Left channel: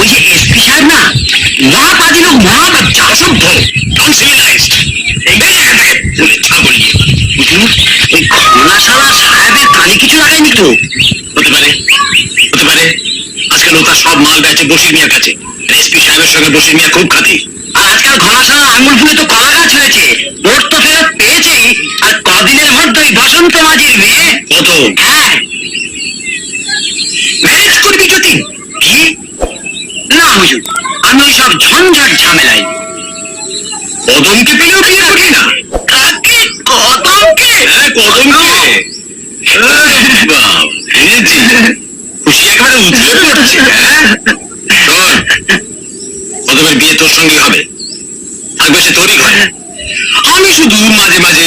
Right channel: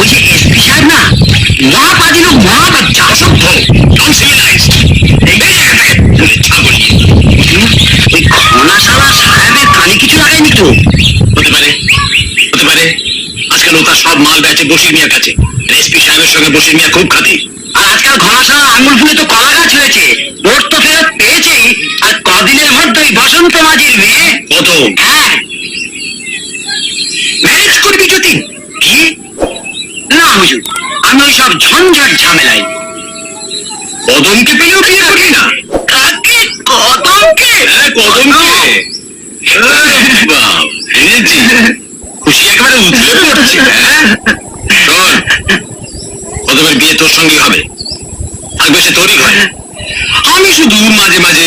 ওই যে এসপি সাহেব না, মহাপাদি লোক, মহাবাচ্চা, অসভ্য, আনসিভিলাইজড। ওই ঘনাশালা সাহেবের কানে কিছু লাগায়নি তো? হতে পারে, হতে পারে। আজকাল ও তার সব মাল বেচে বশির মিয়ার কাছে। এসপি সাহেবের সঙ্গে বশির মিয়া খুব খাতি। আর আজকাল ঘনাশালা আঙুল ফুলে তো কলা গাছ হয়েছে, ওর তো ফেরত পেয়েছেই। আর কদিনের মধ্যেই বসন্ত মাঝির মেয়ে। কত? হ্যাঁ, ম্যারেজ করবি যতীন? কি না হুজুর, আমি ওই সব ঝঞ্ঝাট ঝামেলাই। কদমকে পেলেও বিয়ে করবি না? কাকে? কদমকে? হ্যাঁ, কদমকে। এনেছি, খুশি একেবারে উঠলে পড়ছে। শোন, কদমের বিয়ে তোর সঙ্গে হবে, থাকবে সে তোরই ঘরে। আমি শুধু মাঝে মাঝে